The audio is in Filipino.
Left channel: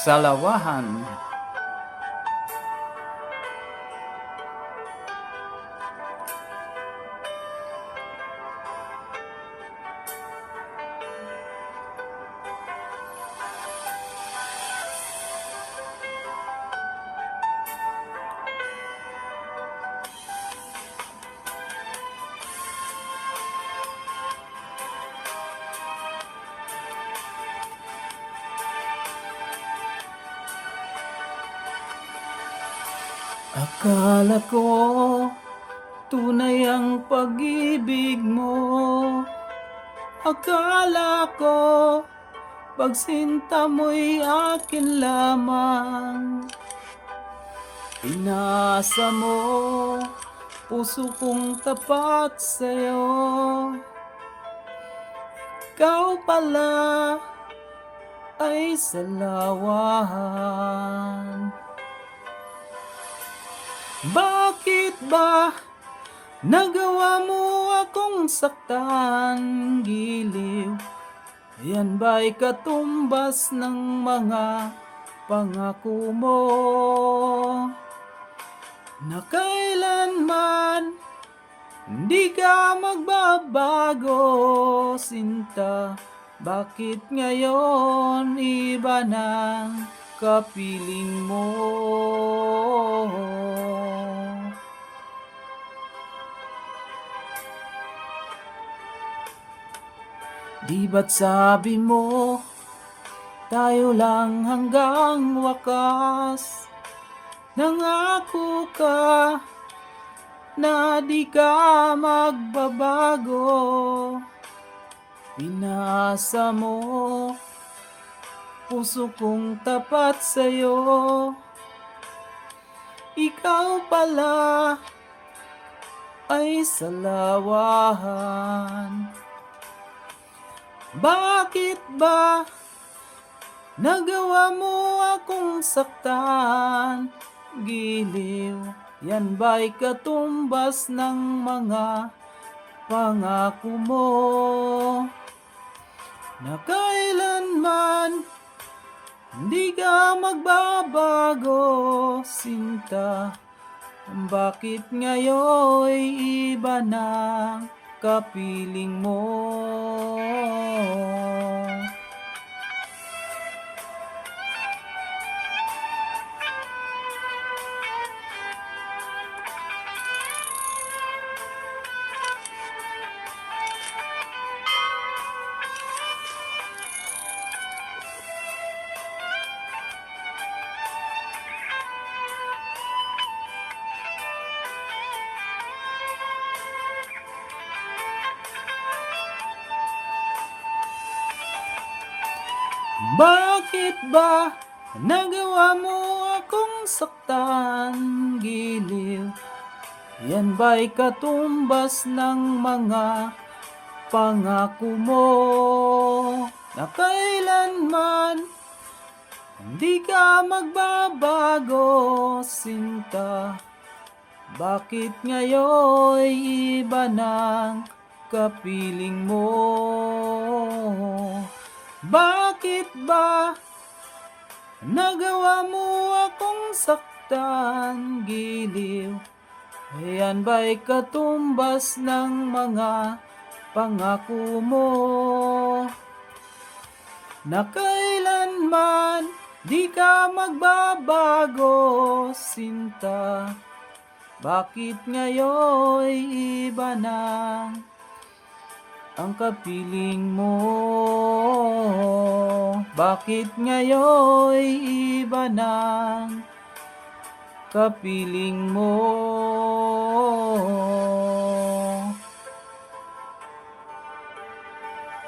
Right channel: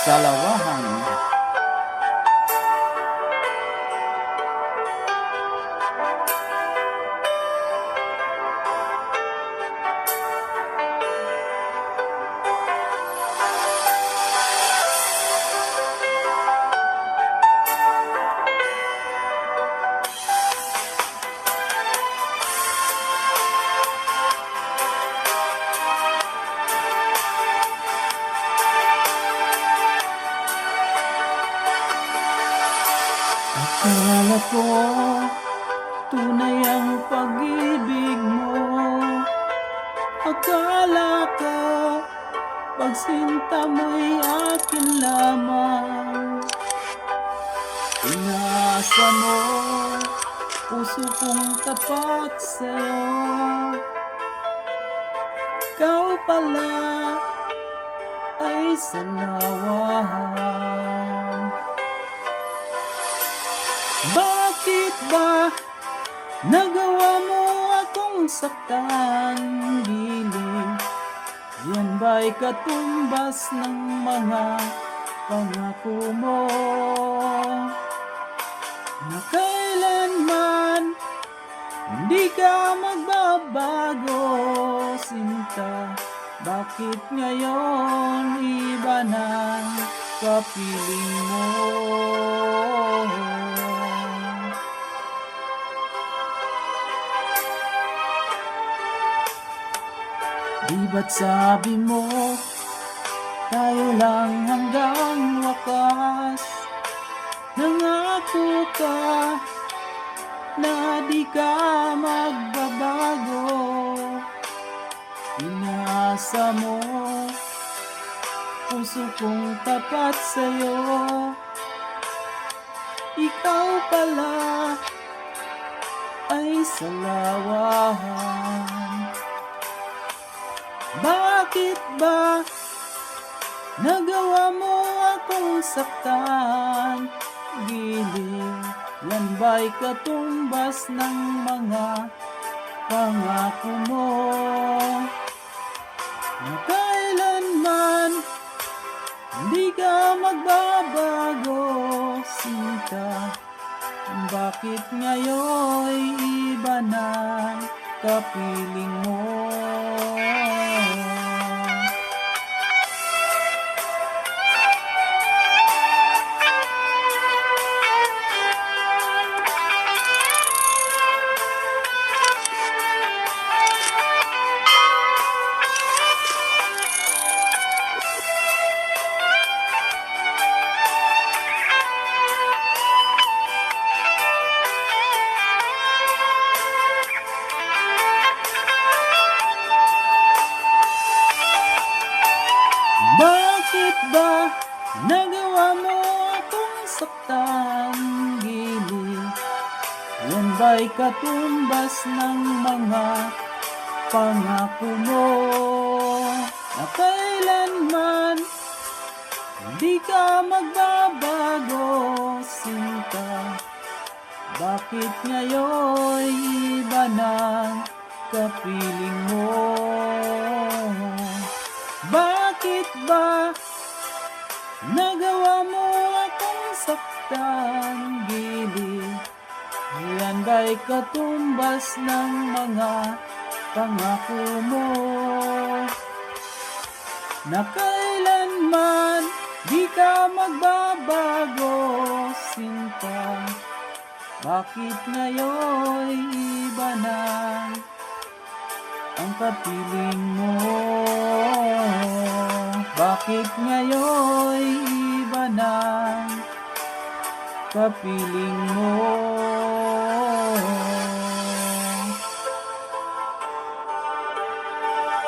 Salawahan. Akala ko tunay ang pag-ibig mo. Akala ko pagsinta mo'y akin lamang. Inasa mo puso kong tapat sa'yo. Ikaw pala ay salawahan. Bakit ba nagawa mo akong saktan, giliw? Yan ba'y katumbas ng mga pangako mo? Na kailanman hindi ka magbabago, sinta. Bakit ngayon iba na kapiling mo? Di ba't sabi mo tayo lang hanggang wakas? Nangako ka na di ka magbabago. Pinasa mo puso kong tapat sa'yo. Ikaw pala ay salawahan. Bakit ba nagawa mo akong saktan, giliw? Yan ba'y katumbas ng mga pangako mo? Na kailanman hindi ka magbabago, sinta. Bakit ngayon iba na kapiling mo? Bakit ba nagawa mo akong saktan, giliw? Yan ba'y katumbas ng mga pangako mo? Na kailanman hindi ka magbabago, sinta. Bakit ngayon iba ng kapiling mo? Bakit ba nagawa mo akong saktan, giliw? Yan ba'y katumbas ng mga pangako mo? Na kailanman di ka magbabago, sinta. Bakit ngayon iba na ang kapiling mo? Bakit ngayon iba na kapiling mo?